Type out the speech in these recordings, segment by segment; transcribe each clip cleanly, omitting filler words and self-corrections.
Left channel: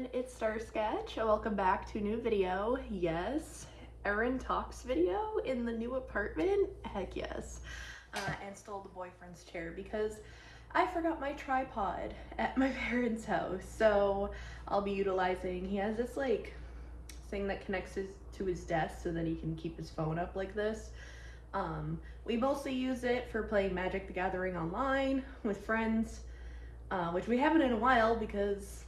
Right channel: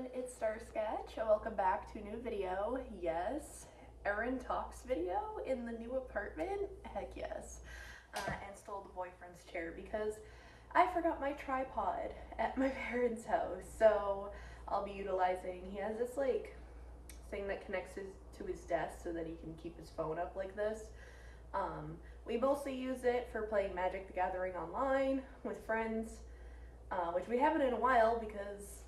everyone, it's Star Sketch. Welcome back to a new video. Yes, Erin talks video in the new apartment. Heck yes. And stole the boyfriend's chair because I forgot my tripod at my parents' house. So I'll be utilizing, he has this like thing that connects to his desk so that he can keep his phone up like this. We mostly use it for playing Magic the Gathering online with friends, which we haven't in a while because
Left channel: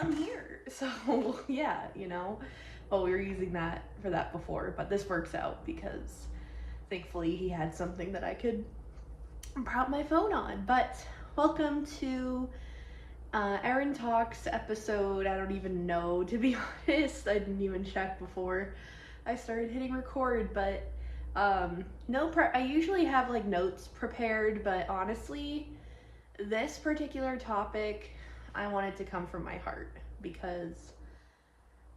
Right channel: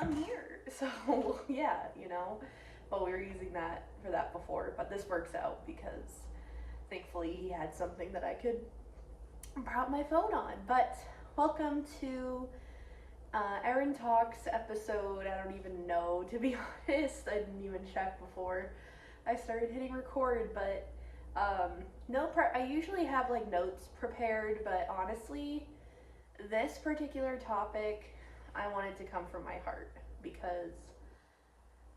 I'm here. So yeah, well, we were using that for that before, but this works out because thankfully he had something that I could prop my phone on. But welcome to Erin Talks episode, I don't even know, to be honest. I didn't even check before I started hitting record, but I usually have like notes prepared, but honestly, this particular topic, I wanted to come from my heart because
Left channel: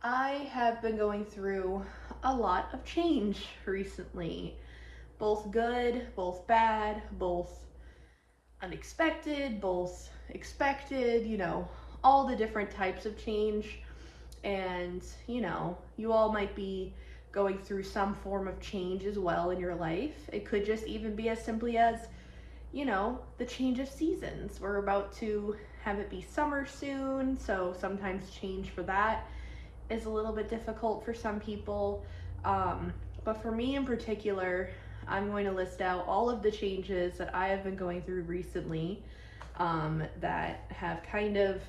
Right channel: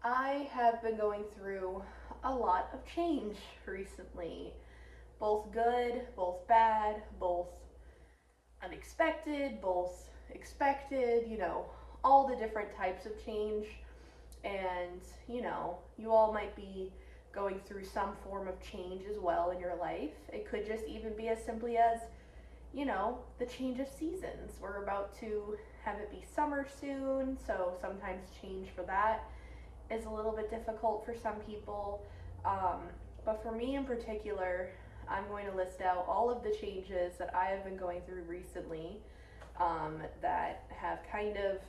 I have been going through a lot of change recently. Both good, both bad, both unexpected, both expected, all the different types of change. And, you all might be going through some form of change as well in your life. It could just even be as simply as, the change of seasons. We're about to have it be summer soon, so sometimes change for that is a little bit difficult for some people. But for me in particular, I'm going to list out all of the changes that I have been going through recently that have kind of,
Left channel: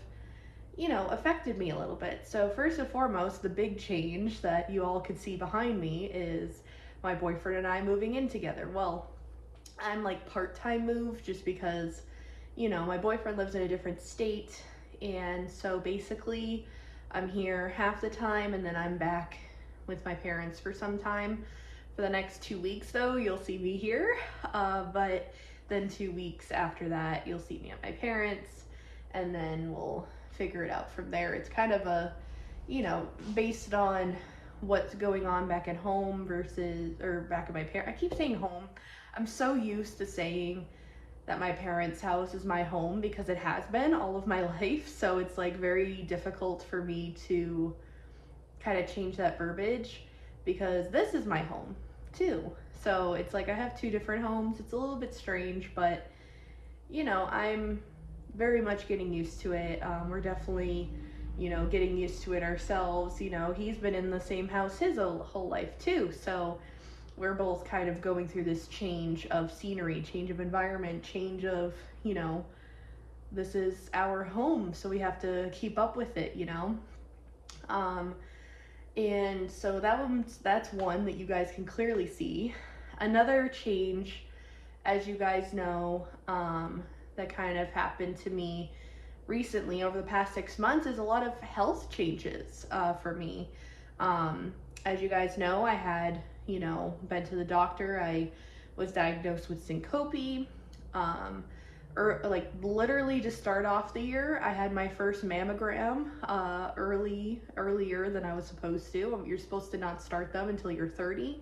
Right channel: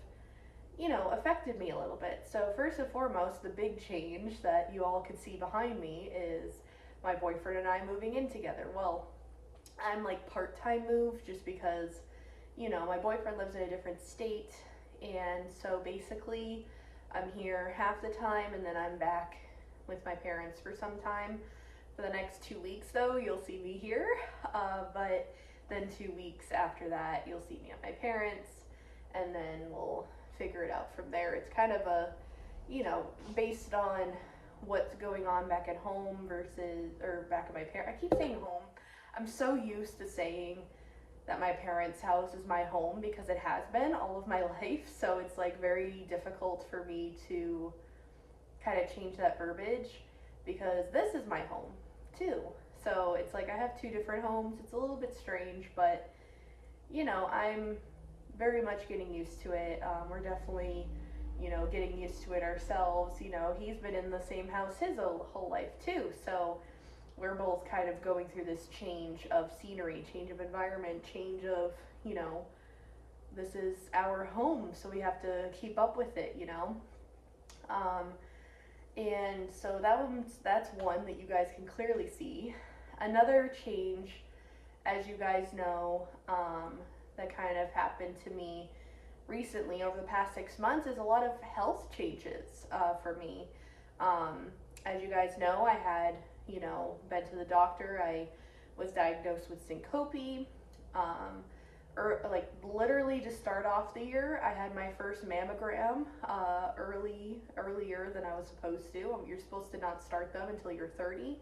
affected me a little bit. So first and foremost, the big change that you all could see behind me is my boyfriend and I moving in together. Well, I'm like part-time move just because, my boyfriend lives in a different state, and so basically I'm here half the time and then I'm back with my parents for some time. For the next 2 weeks though, you'll see me here, but then 2 weeks after that you'll see me at my parents, and then we'll figure it out from there. It's kind of a, based on what's going on back at home or back at my parents. I keep saying home. I'm so used to saying that my parents' house is my home because it has been all of my life. So it's like very difficult for me to kind of change that verbiage because this is my home too. So it's like I have two different homes. It's a little bit strange, but I'm very much getting used to it. We're definitely, getting used to it ourselves. He's been in the same house his whole life too. So we're both kind of going through this change of scenery, change of environment, change of, this is our home, so we have to keep up with it, and so that's one that you guys can clearly see. Another change, as you guys know, that kind of happened to me recently over the past 6 months is a lot of health changes for me. As you guys know, I had, been to the doctor. I was diagnosed with syncope. Literally to start off the year, I had my first mammogram earlier than I was supposed to. You're supposed to not start them until you're 30.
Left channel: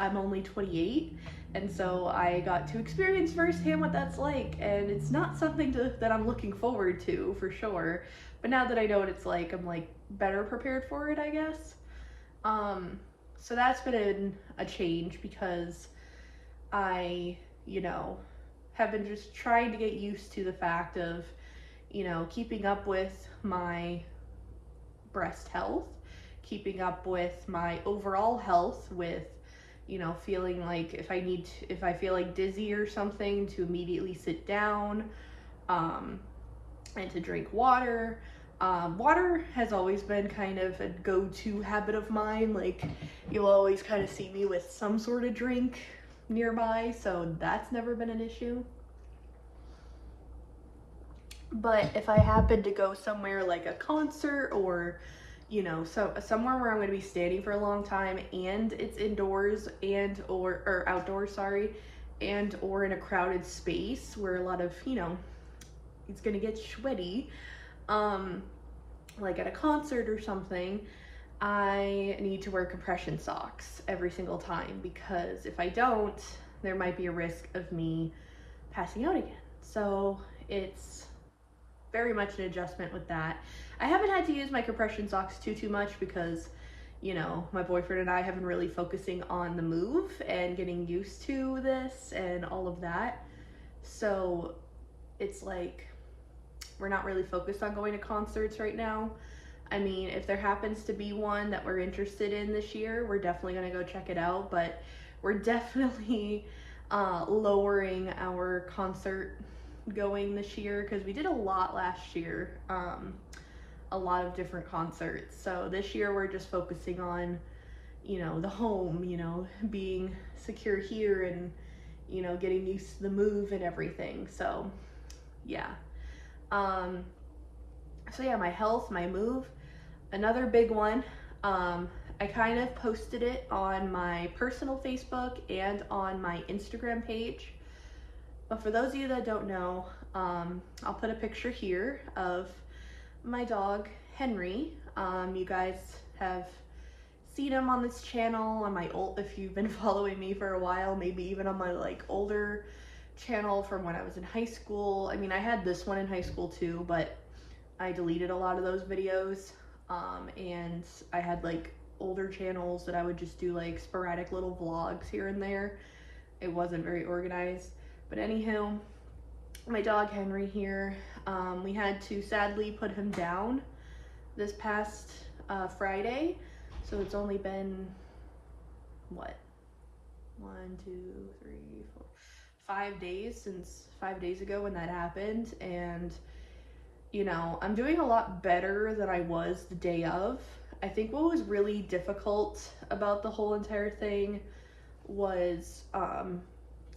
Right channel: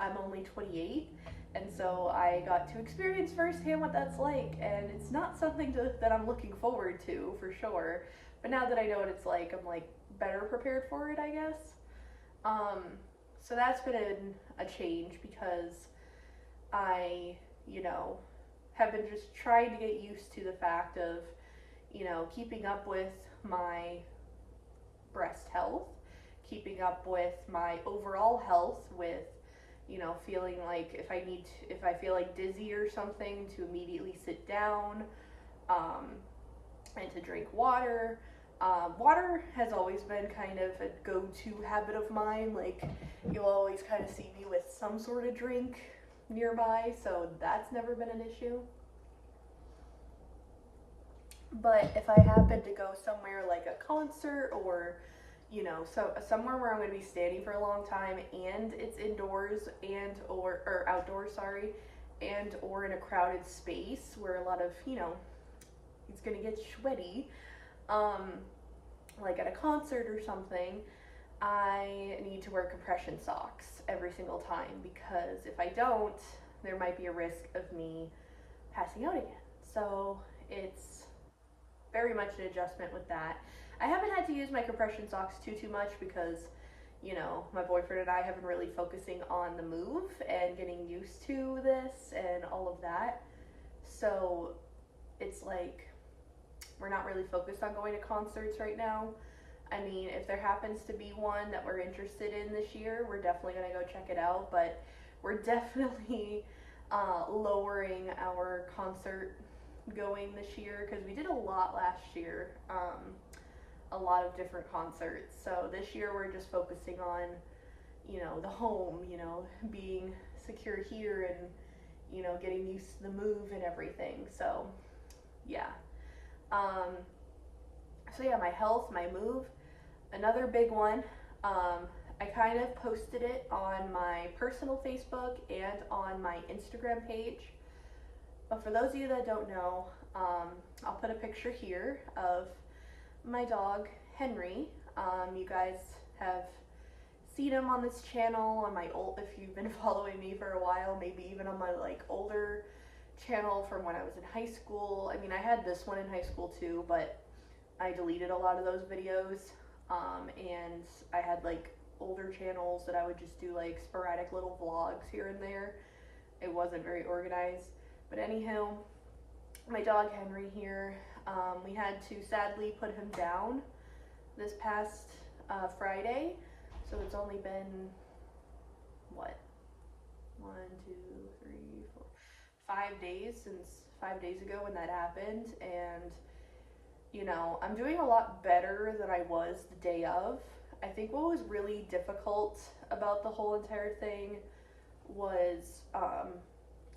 I'm only 28, and so I got to experience firsthand what that's like, and it's not something that I'm looking forward to for sure. But now that I know what it's like, I'm like better prepared for it, I guess. So that's been a change because I, have been just trying to get used to the fact of, keeping up with my breast health, keeping up with my overall health, with, feeling like if I feel like dizzy or something, to immediately sit down, and to drink water. Water has always been kind of a go-to habit of mine. Like, you'll always kind of see me with some sort of drink nearby, so that's never been an issue. But if I happen to go somewhere like a concert or, somewhere where I'm going to be standing for a long time and it's indoors or outdoors, sorry, and or in a crowded space where a lot of, it's going to get sweaty, like at a concert or something, I need to wear compression socks every single time, because if I don't, there might be a risk of me passing out again. So it's very much an adjustment with that. I haven't had to use my compression socks too much because, you know, my boyfriend and I have been really focusing on the move and getting used to this and all of that. So it's like we're not really focused on going to concerts right now. I mean, if there happens to be one that we're interested in this year, we're definitely going to go check it out, but we're definitely lowering our concert going this year because we did a lot last year, a lot of different concerts. So this year we're just focusing on, you know, the home, you know, being secure here and, you know, getting used to the move and everything. So yeah. So yeah, my health, my move. Another big one, I kind of posted it on my personal Facebook and on my Instagram page. But for those of you that don't know, I'll put a picture here of my dog, Henry. You guys have seen him on this channel, on my old, if you've been following me for a while, maybe even on my like older channel from when I was in high school. I mean, I had this one in high school too, but I deleted a lot of those videos. And I had like older channels that I would just do like sporadic little vlogs here and there. It wasn't very organized. But anyhow, my dog Henry here, we had to sadly put him down this past Friday. So it's only been, what, 1, 2, 3, 4, 5 days since 5 days ago when that happened. And you know, I'm doing a lot better than I was the day of. I think what was really difficult about the whole entire thing was,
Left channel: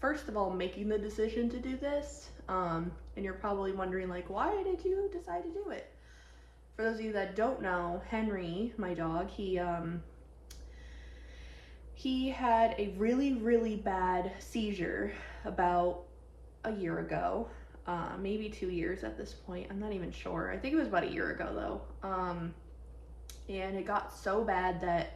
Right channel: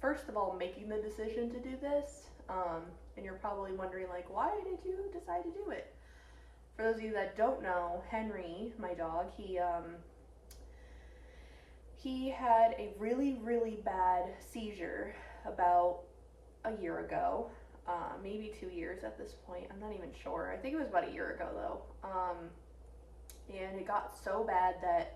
first of all, making the decision to do this. And you're probably wondering, like, why did you decide to do it? For those of you that don't know, Henry, my dog, he had a really bad seizure about a year ago. Maybe 2 years at this point. I'm not even sure. I think it was about a year ago though. And it got so bad that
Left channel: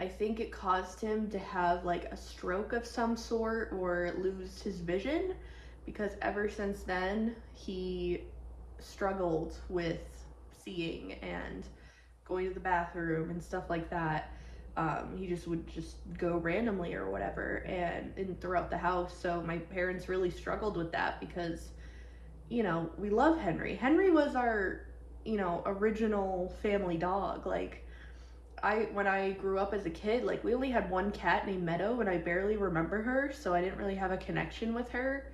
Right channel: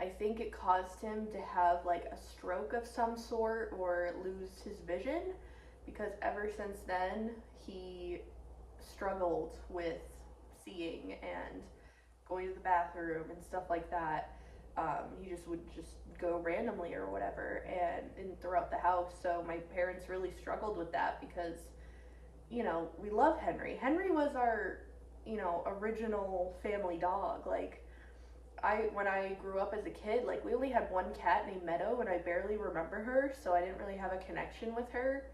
I think it caused him to have like a stroke of some sort or lose his vision, because ever since then he struggled with seeing and going to the bathroom and stuff like that. He just would just go randomly or whatever and throughout the house. So my parents really struggled with that because, you know, we love Henry. Henry was our, you know, original family dog. Like, when I grew up as a kid, like, we only had one cat named Meadow, and I barely remember her, so I didn't really have a connection with her.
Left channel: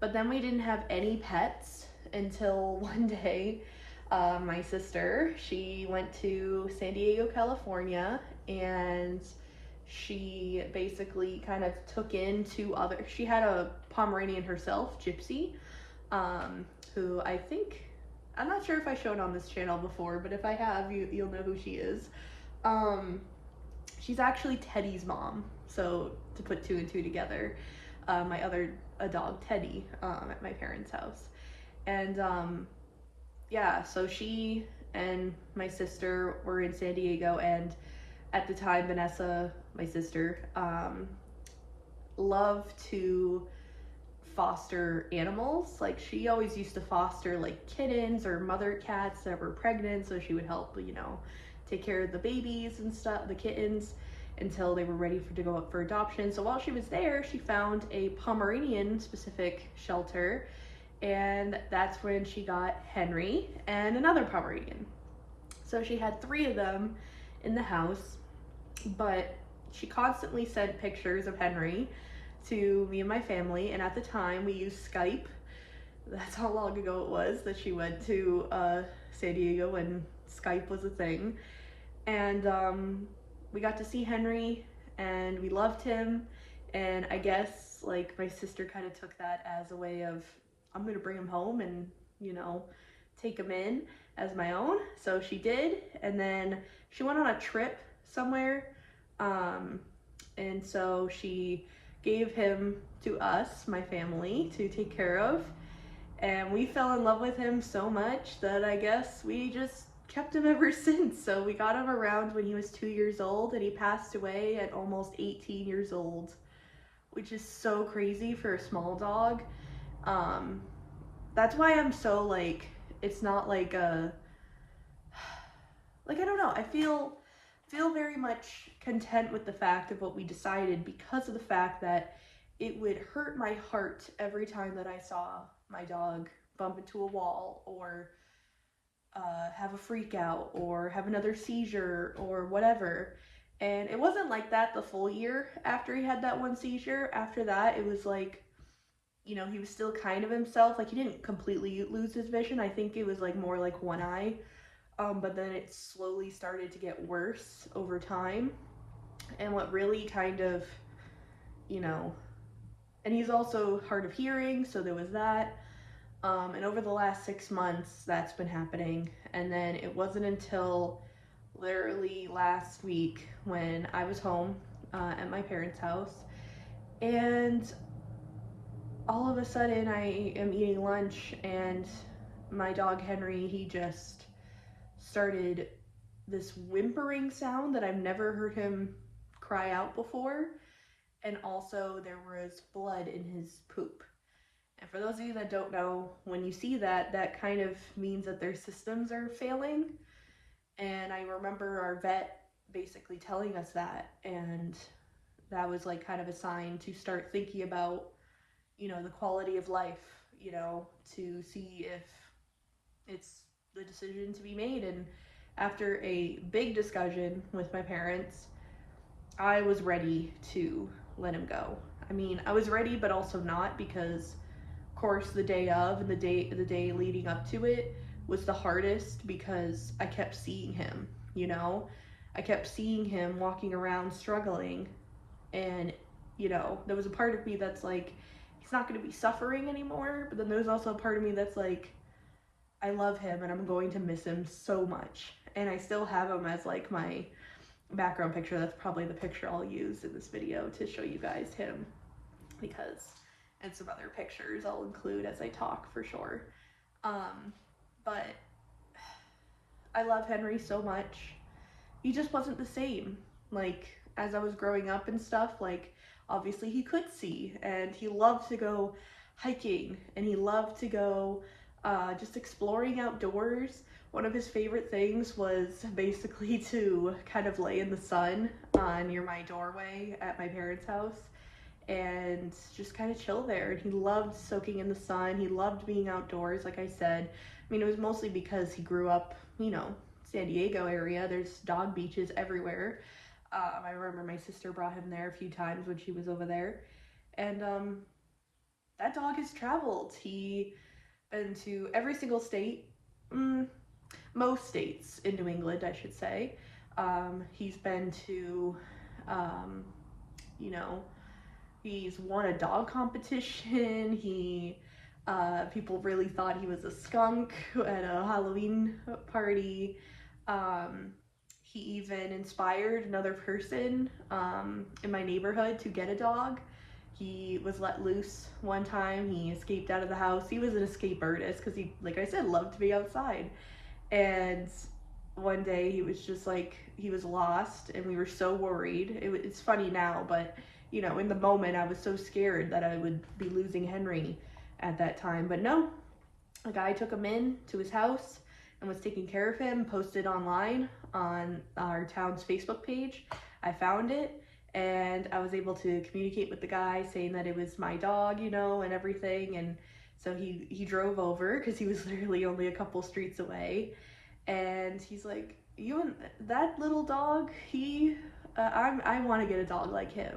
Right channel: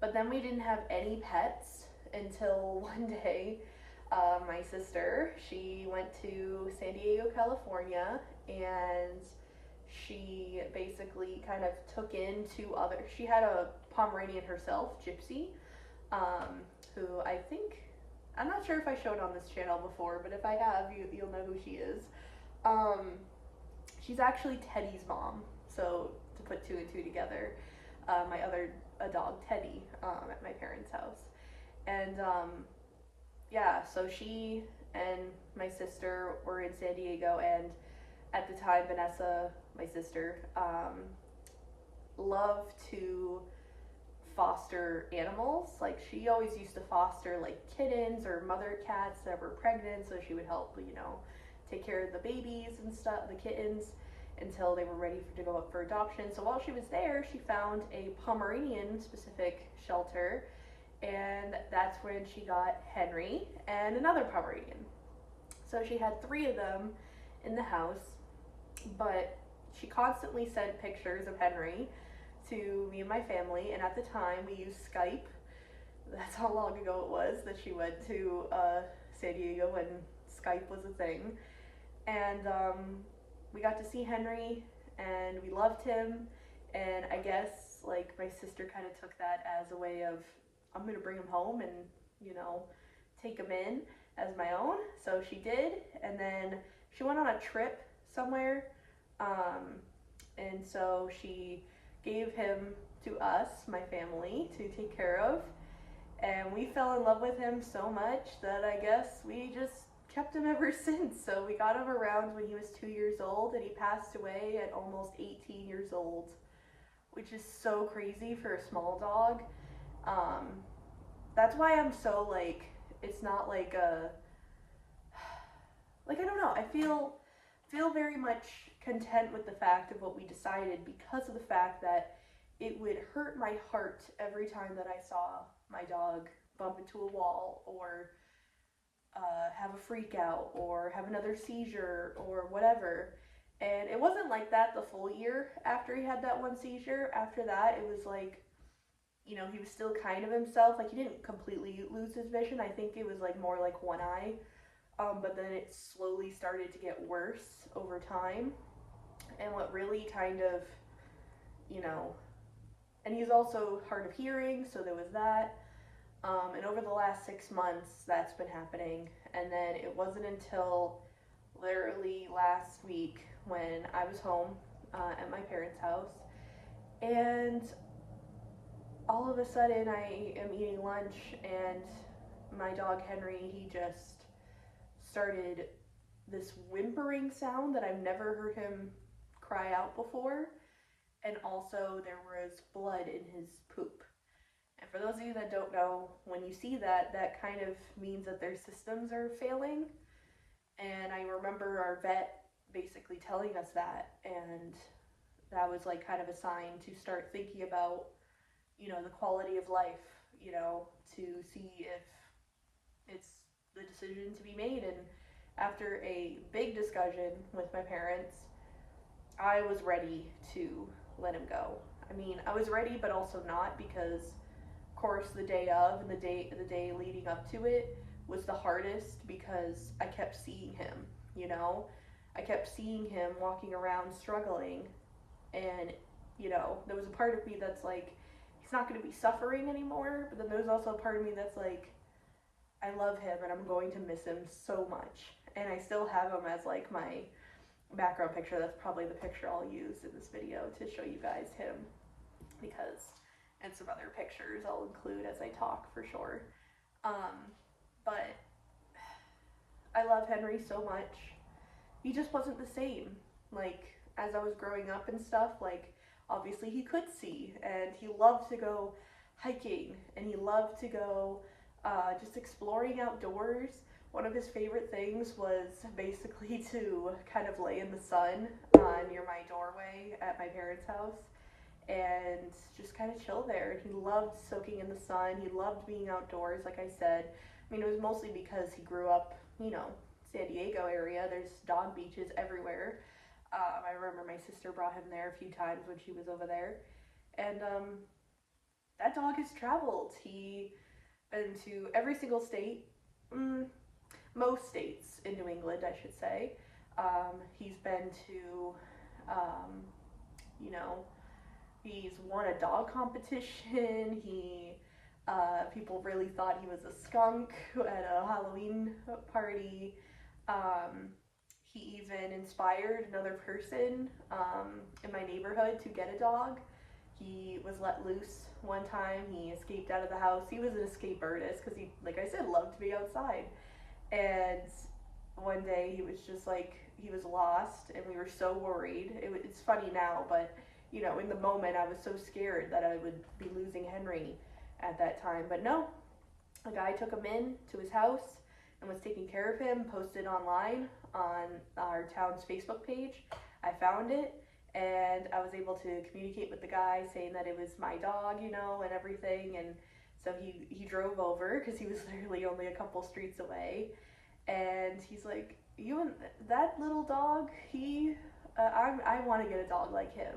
But then we didn't have any pets until one day, my sister, she went to San Diego, California, and she basically kind of took in she had a Pomeranian herself, Gypsy, who I'm not sure if I showed on this channel before, but if I have, you'll know who she is. She's actually Teddy's mom, so to put 2 and 2 together, my other dog, Teddy, at my parents' house. And yeah, so she and my sister were in San Diego, and at the time, Vanessa, my sister, loved to foster animals. Like, she always used to foster like kittens or mother cats that were pregnant, so she would help, you know, take care of the babies and stuff, the kittens, until they were ready to go up for adoption. So while she was there, she found a Pomeranian specific shelter, and that's when she got Henry and another Pomeranian. So she had 3 of them in the house, but she constantly sent pictures of Henry to me and my family, and at the time we used Skype. That's how long ago it was that she went to San Diego when Skype was a thing. And we got to see Henry, and we loved him, and I guess like my sister kind of took that as a way of, I'm gonna bring him home and, you know, take him in as my own. So she did, and then she went on a trip somewhere, and so she gave him to us, my family, to take care of, and we fell in love with him so much that I guess we just kept him ever since. So we got him around when he was 2 years old, and he passed away at almost 18 years old, which is so crazy for a small dog. That's why I'm so like it's not like a, like, I don't know, I feel very much content with the fact of what we decided, because of the fact that it would hurt my heart every time that I saw my dog bump into a wall, or have a freak out, or have another seizure, or whatever. And it wasn't like that the full year after he had that one seizure. After that, it was like, you know, he was still kind of himself. Like, he didn't completely lose his vision. I think it was like more like one eye. But then it slowly started to get worse over time. And what really kind of, you know, and he's also hard of hearing, so there was that. And over the last 6 months, that's been happening. And then it wasn't until literally last week when I was home at my parents' house, and all of a sudden I am eating lunch, and my dog Henry, he just started this whimpering sound that I've never heard him cry out before. And also there was blood in his poop. And for those of you that don't know, when you see that, that kind of means that their systems are failing. And I remember our vet basically telling us that, and that was like kind of a sign to start thinking about, you know, the quality of life, you know, to see if it's the decision to be made. And after a big discussion with my parents, I was ready to let him go. I mean, I was ready, but also not, because of course the day of and the day leading up to it was the hardest, because I kept seeing him, you know? I kept seeing him walking around struggling, and, you know, there was a part of me that's like, he's not going to be suffering anymore, but then there's also a part of me that's like, I love him and I'm going to miss him so much. And I still have him as like my background picture. That's probably the picture I'll use in this video to show you guys him, because, and some other pictures I'll include as I talk for sure. But I love Henry so much. He just wasn't the same. Like, as I was growing up and stuff, like, obviously he could see, and he loved to go hiking, and he loved to go just exploring outdoors. One of his favorite things was basically to kind of lay in the sun near my doorway at my parents' house and just kind of chill there. And he loved soaking in the sun. He loved being outdoors, like I said. I mean, it was mostly because he grew up, you know, San Diego area. There's dog beaches everywhere. I remember my sister brought him there a few times when she was over there. And that dog has traveled. He been to every single state, most states in New England, I should say. He's been to, you know, he's won a dog competition. People really thought he was a skunk at a Halloween party. He even inspired another person in my neighborhood to get a dog. He was let loose one time. He escaped out of the house. He was an escape artist because he, like I said, loved to be outside. And one day he was just like, he was lost, and we were so worried. It's funny now, but you know, in the moment I was so scared that I would be losing Henry at that time. But no, a guy took him in to his house and was taking care of him, posted online on our town's Facebook page. I found it, and I was able to communicate with the guy saying that it was my dog, you know, and everything. And so he drove over, because he was literally only a couple streets away, and he's like, you and that little dog, I want to get a dog like him.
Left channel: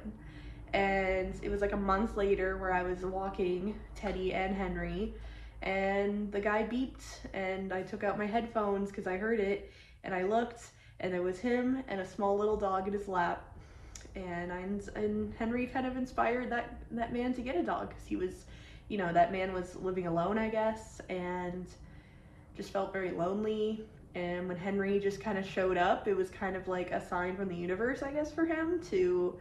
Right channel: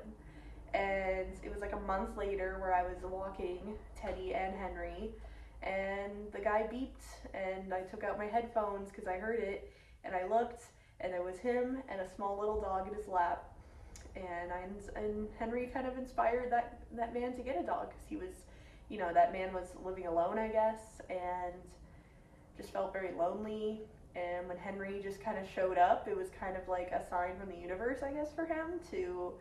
And it was like a month later where I was walking Teddy and Henry, and the guy beeped, and I took out my headphones because I heard it, and I looked, and there was him and a small little dog in his lap. And Henry kind of inspired that man to get a dog, because he was, you know, that man was living alone, I guess, and just felt very lonely. And when Henry just kind of showed up, it was kind of like a sign from the universe, I guess, for him to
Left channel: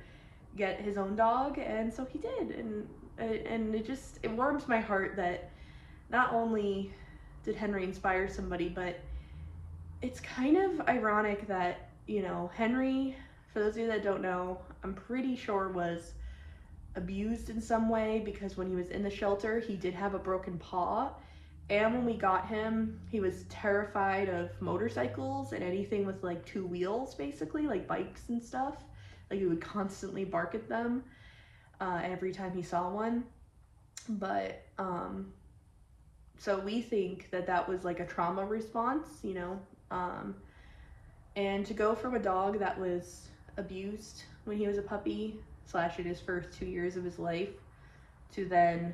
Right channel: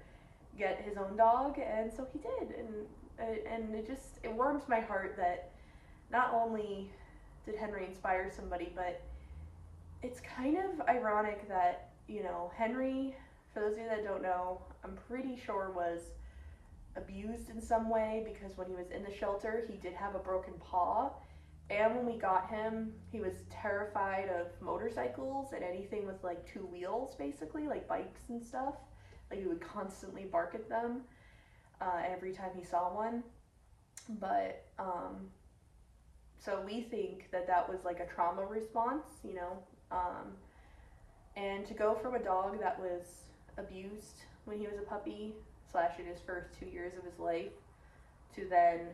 get his own dog. And so he did. And it warms my heart that not only did Henry inspire somebody, but it's kind of ironic that, you know, Henry, for those of you that don't know, I'm pretty sure was abused in some way, because when he was in the shelter, he did have a broken paw, And when we got him, he was terrified of motorcycles and anything with like two wheels, basically, like bikes and stuff. Like he would constantly bark at them every time he saw one. But so we think that that was like a trauma response, you know. Um, and to go from a dog that was abused when he was a puppy, slash in his first 2 years of his life, to then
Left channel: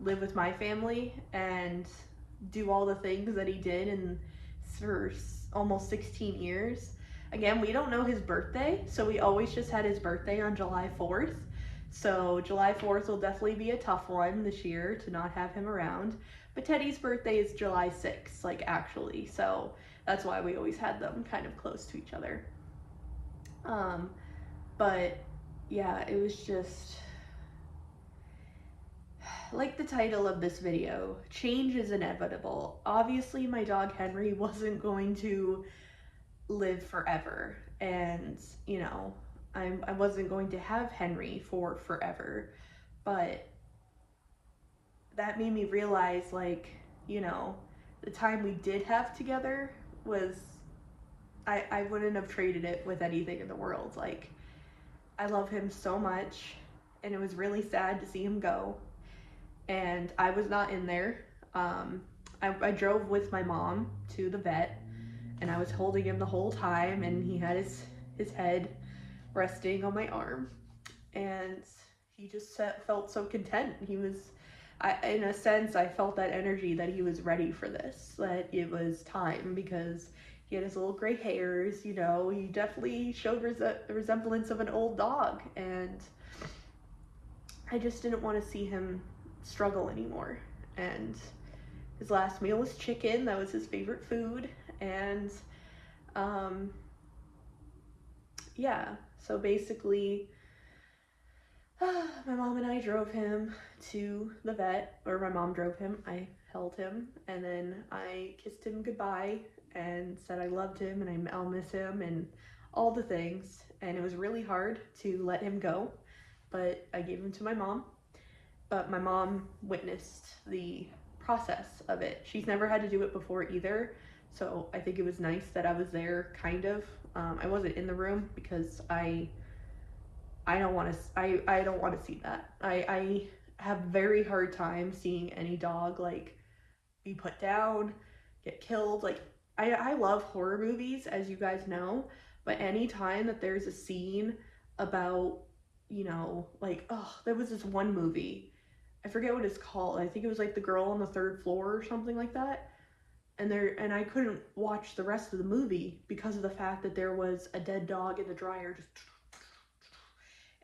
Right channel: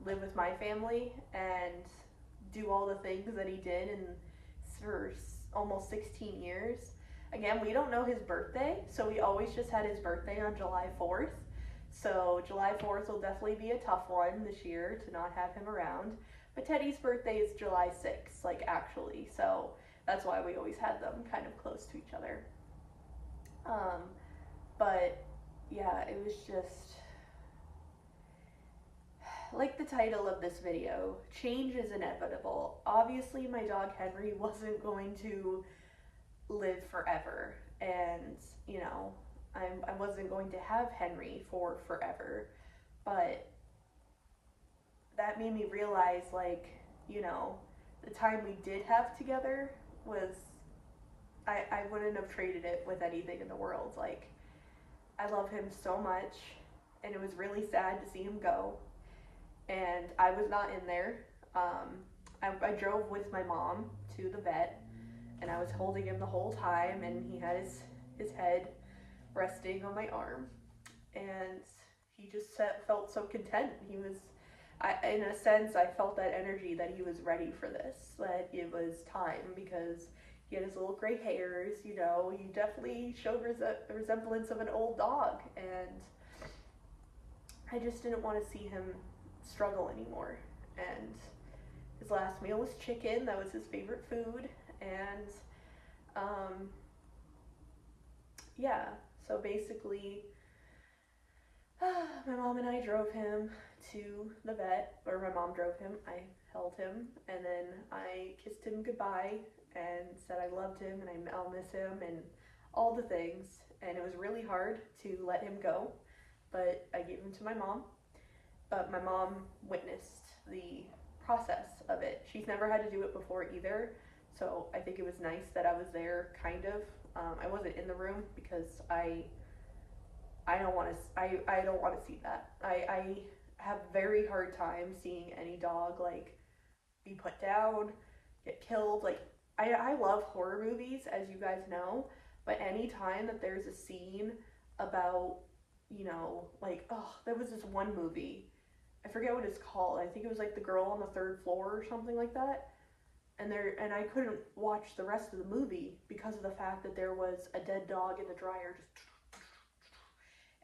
live with my family and do all the things that he did in for almost 16 years. Again, we don't know his birthday, so we always just had his birthday on July 4th. So July 4th will definitely be a tough one this year to not have him around. But Teddy's birthday is July 6th, like actually. So that's why we always had them kind of close to each other. But yeah, it was just like the title of this video, change is inevitable. Obviously, my dog Henry wasn't going to live forever, and you know, I wasn't going to have Henry for forever, but that made me realize, like, you know, the time we did have together was, I wouldn't have traded it with anything in the world. Like, I love him so much, and it was really sad to see him go. And I was not in there. I drove with my mom to the vet, and I was holding him the whole time, and he had his head resting on my arm, and he just felt so content. He was, in a sense, I felt that energy that he was ready for this, that it was time, because he had his little gray hairs, you know, he definitely showed a resemblance of an old dog, and I just didn't want to see him struggle anymore. And his last meal was chicken. That was his favorite food. And yeah, so basically my mom and I drove him to the vet, or my mom drove him, I held him, and then I kissed him goodbye and said I loved him and I'll miss him and all the things. And it was really hard to let him go, but I gave him to my mom. But my mom witnessed the process of it. She's never had to do it before either, so I think it was nice that I was there, kind of. I wasn't in the room because I don't want to see that. I have very hard time seeing any dog like be put down, get killed. Like I love horror movies, as you guys know, but anytime that there's a scene about, you know, like, oh, there was this one movie, I forget what it's called. I think it was like The Girl on the Third Floor or something like that. And I couldn't watch the rest of the movie because of the fact that there was a dead dog in the dryer just,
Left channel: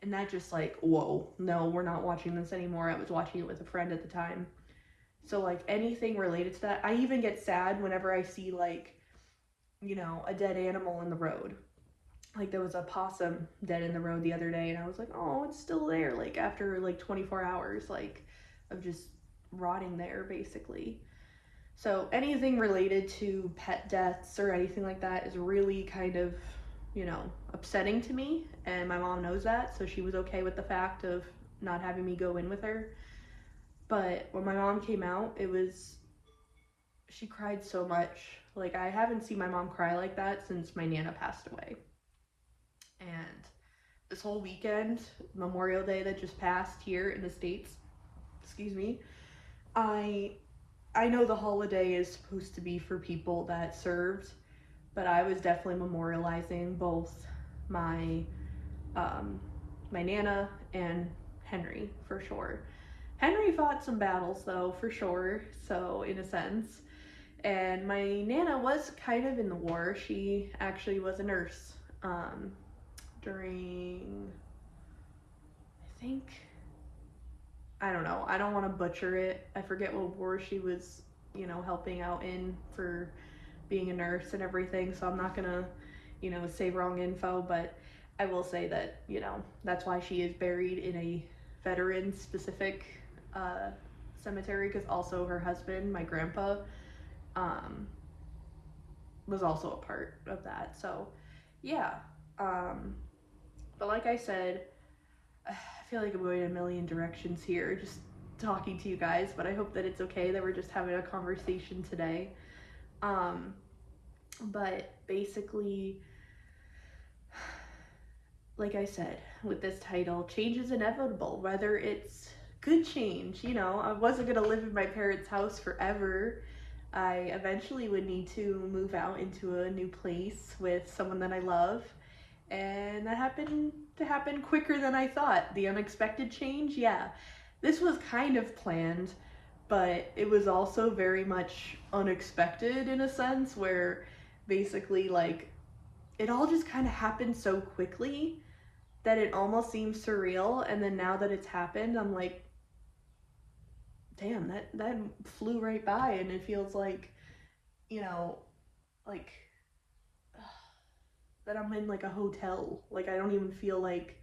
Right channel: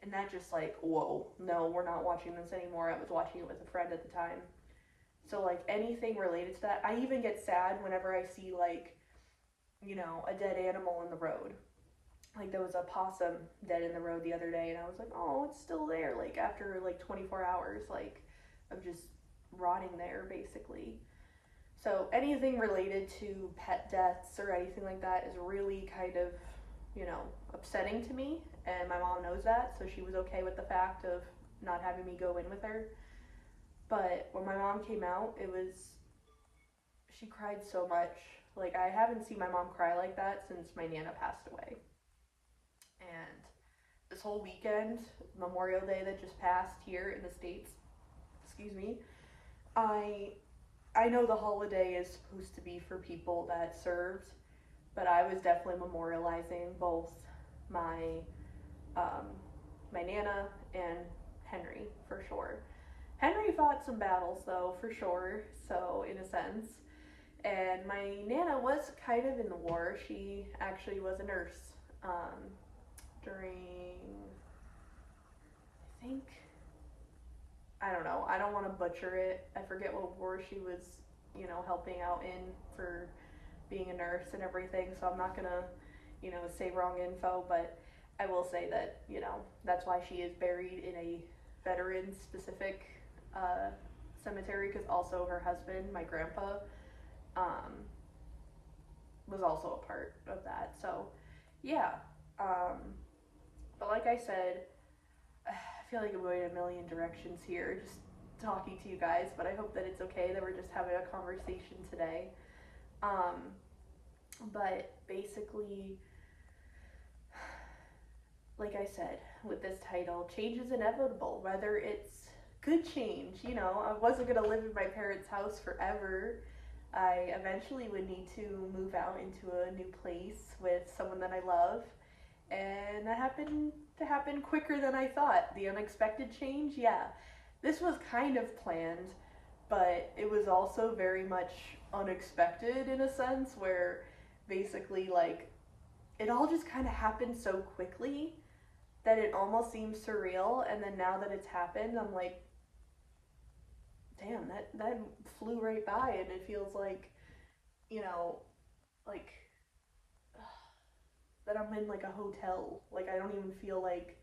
and that just like, whoa, no, we're not watching this anymore. I was watching it with a friend at the time. So like anything related to that, I even get sad whenever I see like, you know, a dead animal in the road. Like there was a possum dead in the road the other day, and I was like, oh, it's still there, like after like 24 hours, like of just rotting there basically. So anything related to pet deaths or anything like that is really kind of, you know, upsetting to me, and my mom knows that, so she was okay with the fact of not having me go in with her. But when my mom came out, she cried so much. Like I haven't seen my mom cry like that since my Nana passed away. And this whole weekend, Memorial Day that just passed here in the States, excuse me, I know the holiday is supposed to be for people that served, but I was definitely memorializing both my my Nana and Henry, for sure. Henry fought some battles though, for sure, so in a sense. And my Nana was kind of in the war. She actually was a nurse during, I think, I don't know, I don't want to butcher it. I forget what war she was, you know, helping out in for being a nurse and everything, so I'm not gonna, you know, say wrong info, but I will say that, you know, that's why she is buried in a veteran specific cemetery, because also her husband, my grandpa, was also a part of that. So yeah, but like I said, I feel like I'm going in a million directions here. Just talking to you guys, but I hope that it's okay that we're just having a conversation today. Um, but basically, like I said, with this title, change is inevitable, whether it's good change. I wasn't going to live in my parents' house forever. I eventually would need to move out into a new place with someone that I love, and that happened to happen quicker than I thought. The unexpected change, yeah. This was kind of planned, but it was also very much unexpected in a sense where basically, like, it all just kind of happened so quickly that it almost seems surreal. And then now that it's happened, I'm like, damn, that flew right by, and it feels like, you know, like that I'm in like a hotel. Like I don't even feel like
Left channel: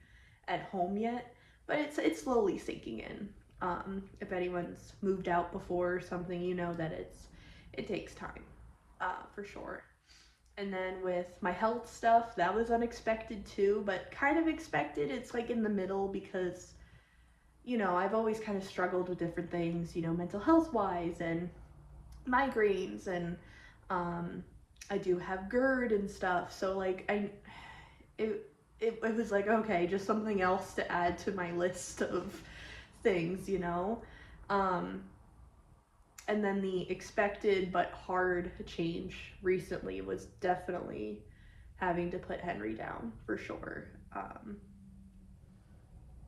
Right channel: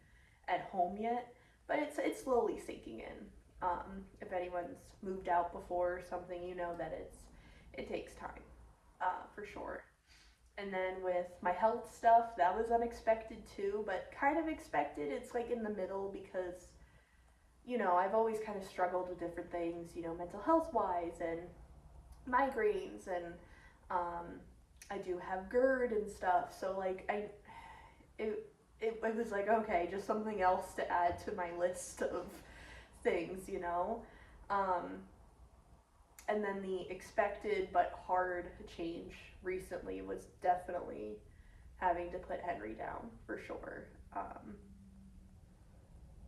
at home yet, but it's slowly sinking in. If anyone's moved out before or something, you know that it takes time, for sure. And then with my health stuff, that was unexpected too, but kind of expected. It's like in the middle because, I've always kind of struggled with different things, mental health wise and migraines, and um, I do have GERD and stuff. So like it was like, okay, just something else to add to my list of things. Um, and then the expected but hard change recently was definitely having to put Henry down for sure.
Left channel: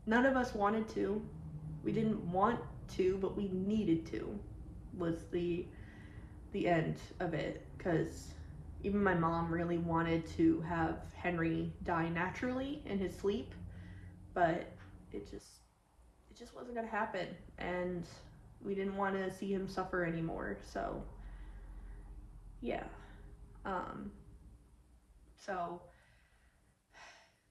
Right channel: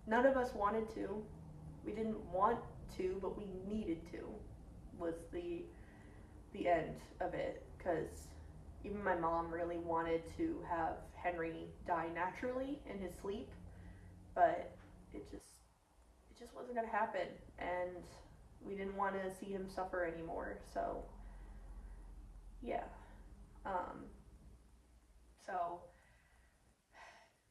None of us wanted to. We didn't want to, but we needed to. Was the end of it, because even my mom really wanted to have Henry die naturally in his sleep, but it just wasn't gonna happen, and we didn't want to see him suffer anymore. So yeah. Um, so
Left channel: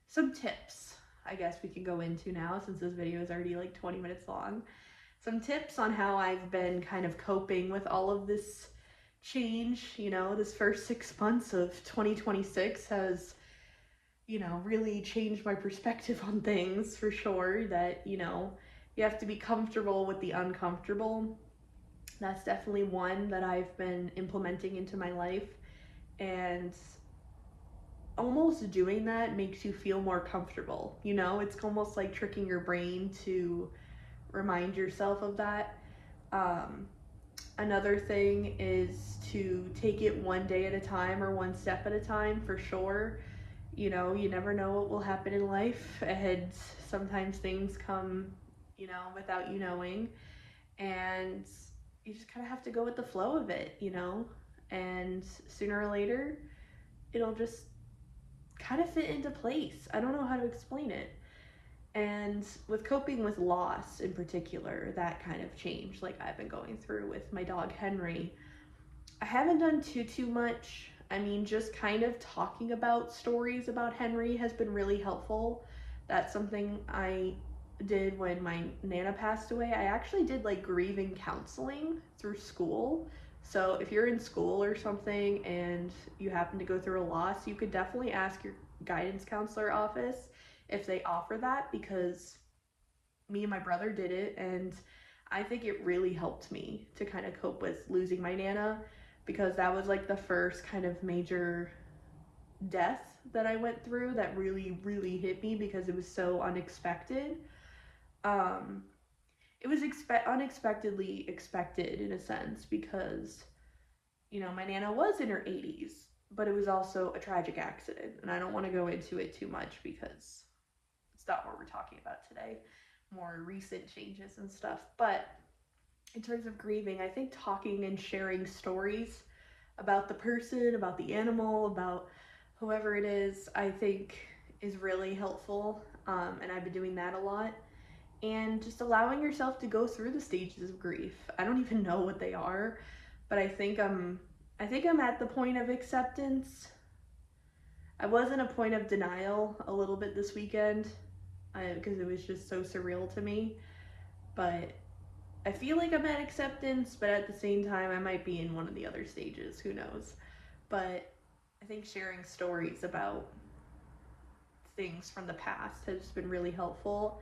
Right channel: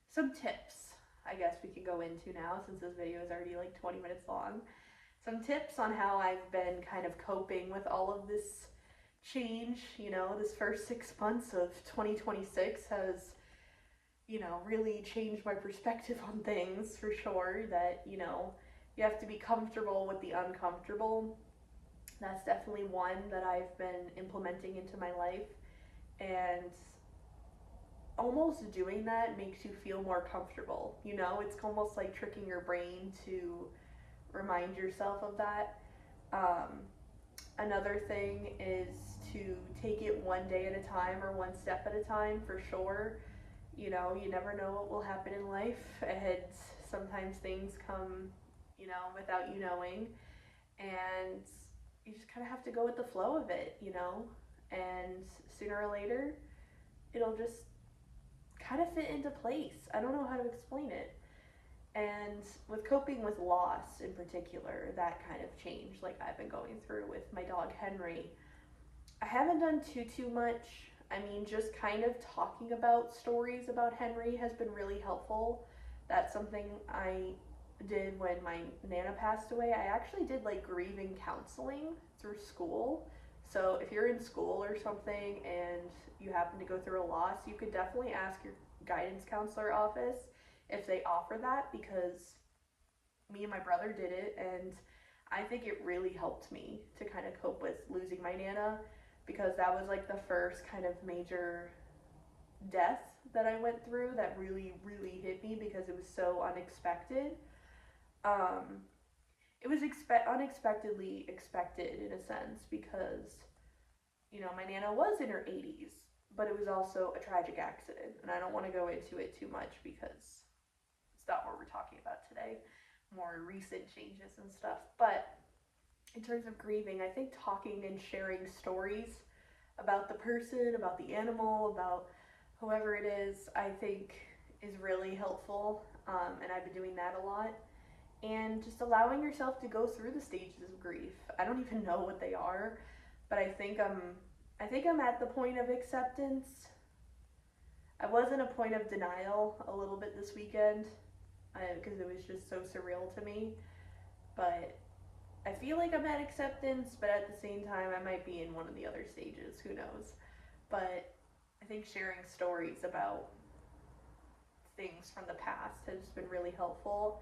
some tips I guess we can go into now, since this video is already like 20 minutes long. Some tips on how I've been kind of coping with all of this change. This first 6 months of 2026 has, really changed my perspective on things for sure. That, you have to be comfortable with the uncomfortable. That's definitely one that I've been implementing into my life. And almost doing that makes you feel more comfortable. It's almost like tricking your brain to remind yourself of that. Another thing is to take it one day at a time or one step at a time, for sure. You never know what will happen in life, and sometimes things come, without you knowing, and you just kind of have to go with the flow of it. And sooner or later, it'll just kind of fit into place. I don't know how to explain it. And with coping with loss in particular, that kind of change, like I've been going through with my dog Henry, I haven't done too much. I mean, just kind of talking about stories about Henry has been really helpful. That's something I did when my Nana passed away. I actually did like grieving counseling through school. So if you're in school or something and you happen to go through a loss, you could definitely ask your guidance counselor office if they offer that, because me and my brother did it, and I think it really helped me to kind of cope with losing my Nana, because that was like the first kind of major death that I went through that really, really hit me, because it was so unexpected. It was unexpectedly expected in a sense, because my Nana was in her 80s, but it was also a tragic accident, and I don't want to go into it too much because it's not what we're talking about today, more recent changes and stuff. But in terms of grieving, I think talking and sharing stories about the person, about the animal, about whoever it is, I think is really helpful. And I've been doing that a lot. And just allowing yourself to go through the stages of grief. I don't even know what they are, but I think I'm at the point of acceptance. I was in a point of denial a little bit this weekend, because it was just so surreal to me. But I feel like I'm at acceptance, but at the same time, I might be in one of the other stages. Who knows? But I think sharing stories about things from the past has been really helpful.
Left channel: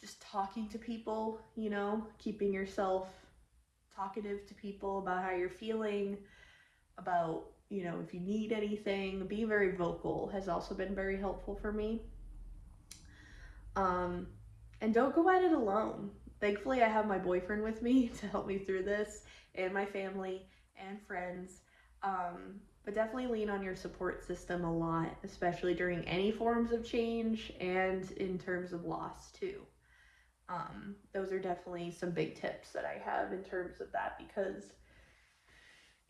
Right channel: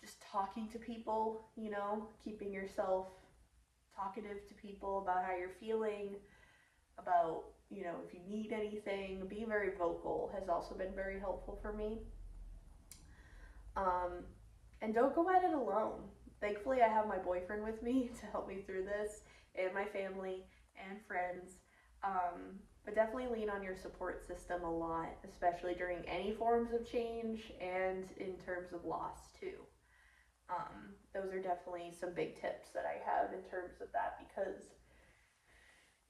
just talking to people, you know, keeping yourself talkative to people about how you're feeling, about, you know, if you need anything. Being very vocal has also been very helpful for me. And don't go at it alone. Thankfully, I have my boyfriend with me to help me through this, and my family and friends. But definitely lean on your support system a lot, especially during any forms of change and in terms of loss too. Those are definitely some big tips that I have in terms of that, because,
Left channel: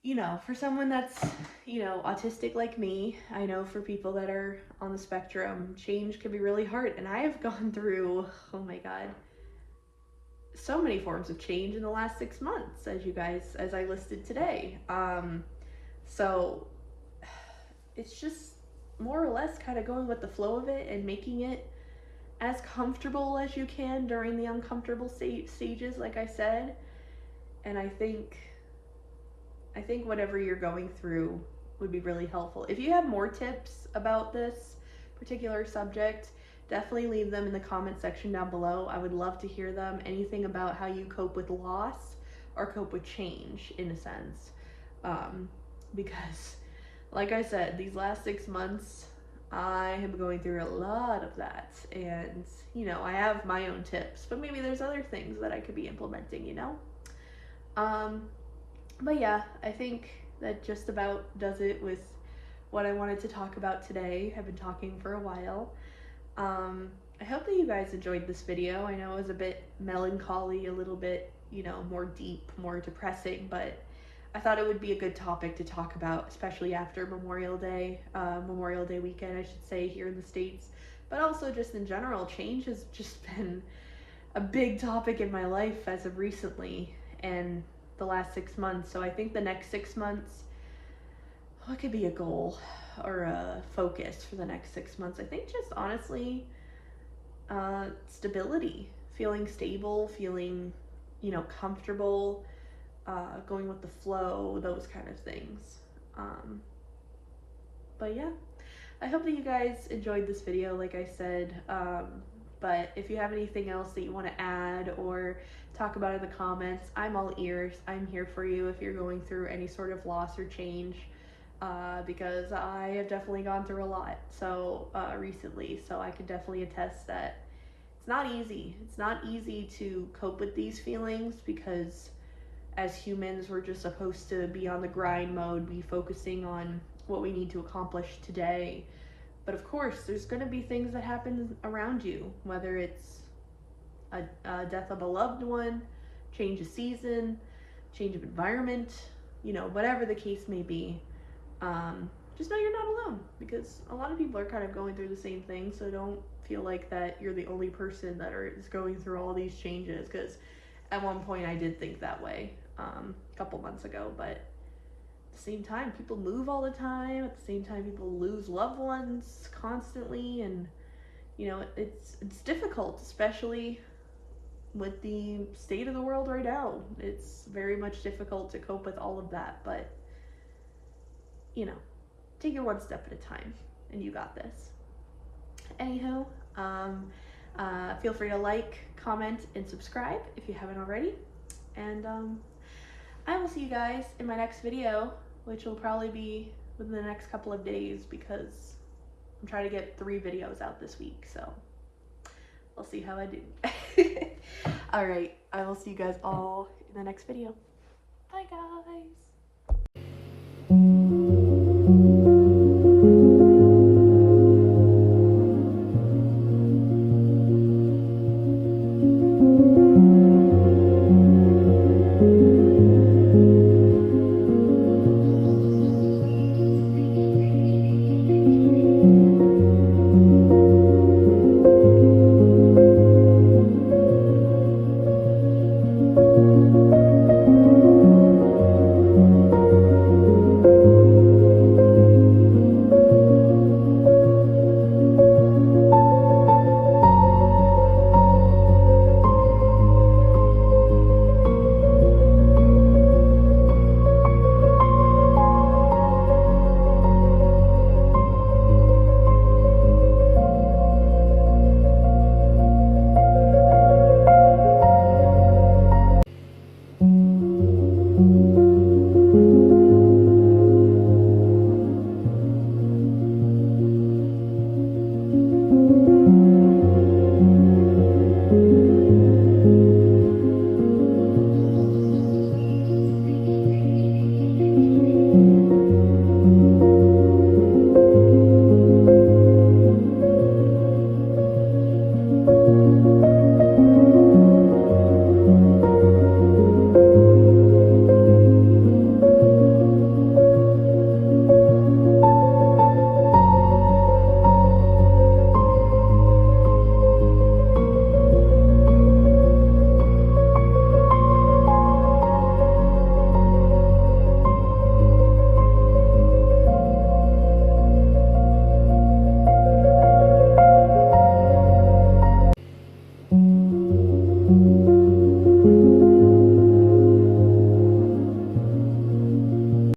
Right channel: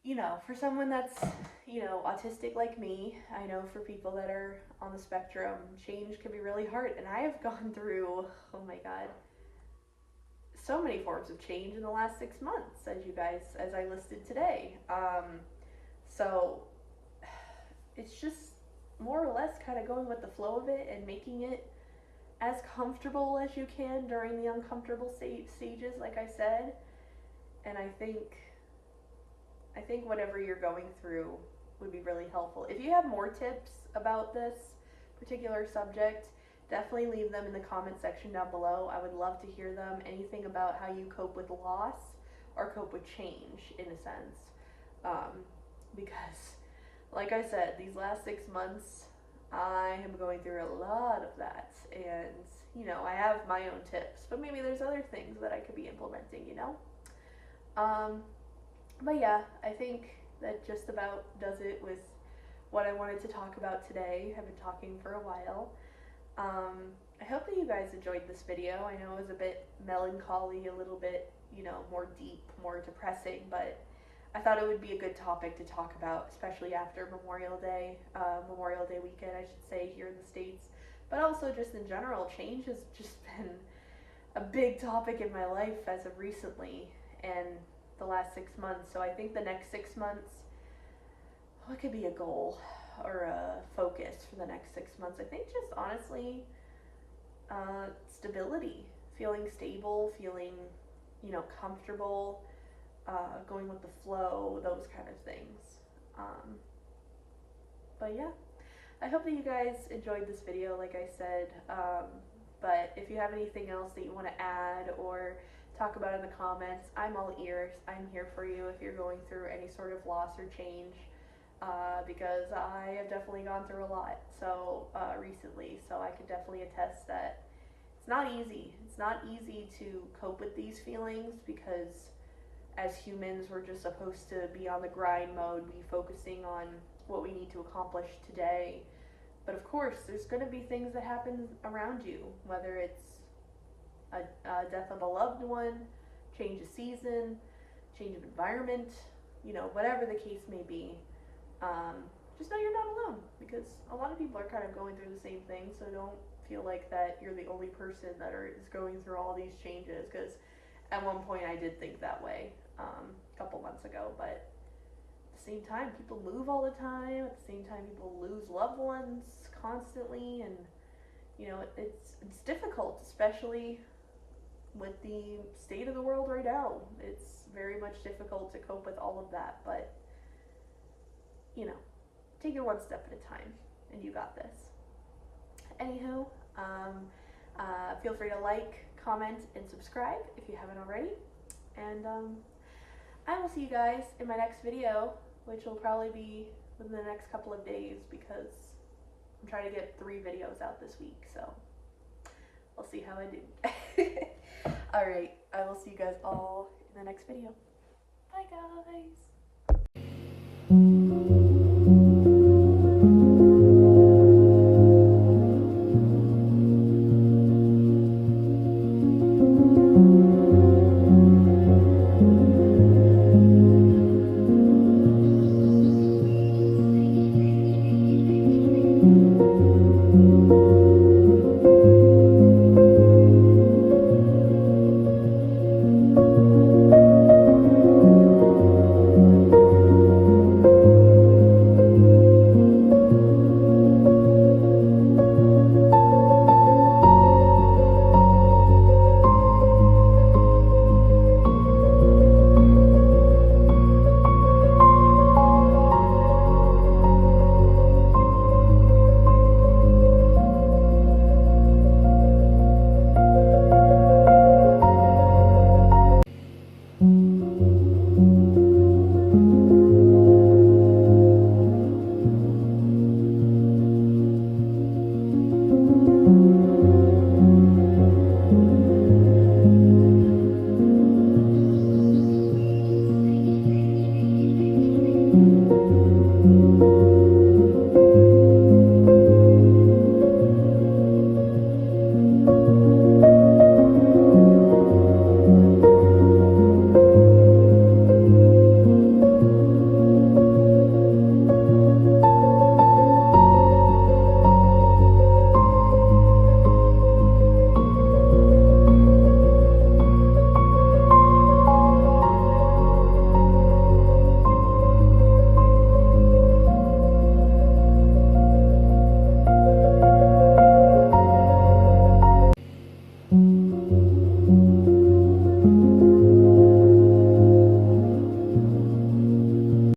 you know, for someone that's, you know, autistic like me, I know for people that are on the spectrum, change can be really hard. And I have gone through, oh my God, so many forms of change in the last 6 months, as I listed today. So it's just more or less kind of going with the flow of it and making it as comfortable as you can during the uncomfortable stages, like I said. And I think whatever you're going through would be really helpful. If you have more tips about this particular subject, definitely leave them in the comment section down below. I would love to hear them. Anything about how you cope with loss or cope with change, in a sense. Because, like I said, these last 6 months, I am going through a lot of that. And, you know, I have my own tips, but maybe there's other things that I could be implementing, you know? But yeah, I think that just about does it with what I wanted to talk about today. I've been talking for a while. I hope that you guys enjoyed this video. I know it was a bit melancholy, a little bit, you know, more deep, more depressing, but I thought it would be a good topic to talk about, especially after Memorial Day weekend, I should say, here in the States. But also just in general, change has just been a big topic in my life as of recently and the last 6 months. So I think the next 6 months, what could be a goal or a focus for the next 6 months? I think just honestly, stability, feeling stable, feeling, you know, comfortable, going with the flow, those kind of things. But yeah, I hope that you guys enjoyed this video, like I said. But if you have anything else that you want to add or talk about in the comments, I'm all ears. I'm here for you if you're going through any sort of loss or change, because I have definitely gone through a lot recently, so I can definitely attest that it's not easy. It's not easy to cope with these feelings, because as humans, we're just supposed to be on the grind mode, be focusing on what we need to accomplish today. But of course, there's going to be things that happen around you, whether it's a death of a loved one, change of season, change of environment, you know, whatever the case may be. Just know you're not alone, because a lot of people are kind of going through the same thing, so don't feel like that you're the only person that is going through all these changes, because at one point I did think that way, a couple months ago, but at the same time, people move all the time. At the same time, people lose loved ones constantly, and you know, it's difficult, especially with the state of the world right now. It's very much difficult to cope with all of that, but you know, take it one step at a time, and you got this. Anyhow, feel free to like, comment, and subscribe if you haven't already, and I will see you guys in my next video, which will probably be within the next couple of days, because I'm trying to get 3 videos out this week, so we'll see how I do. Alright, I will see you guys all in the next video. Bye guys!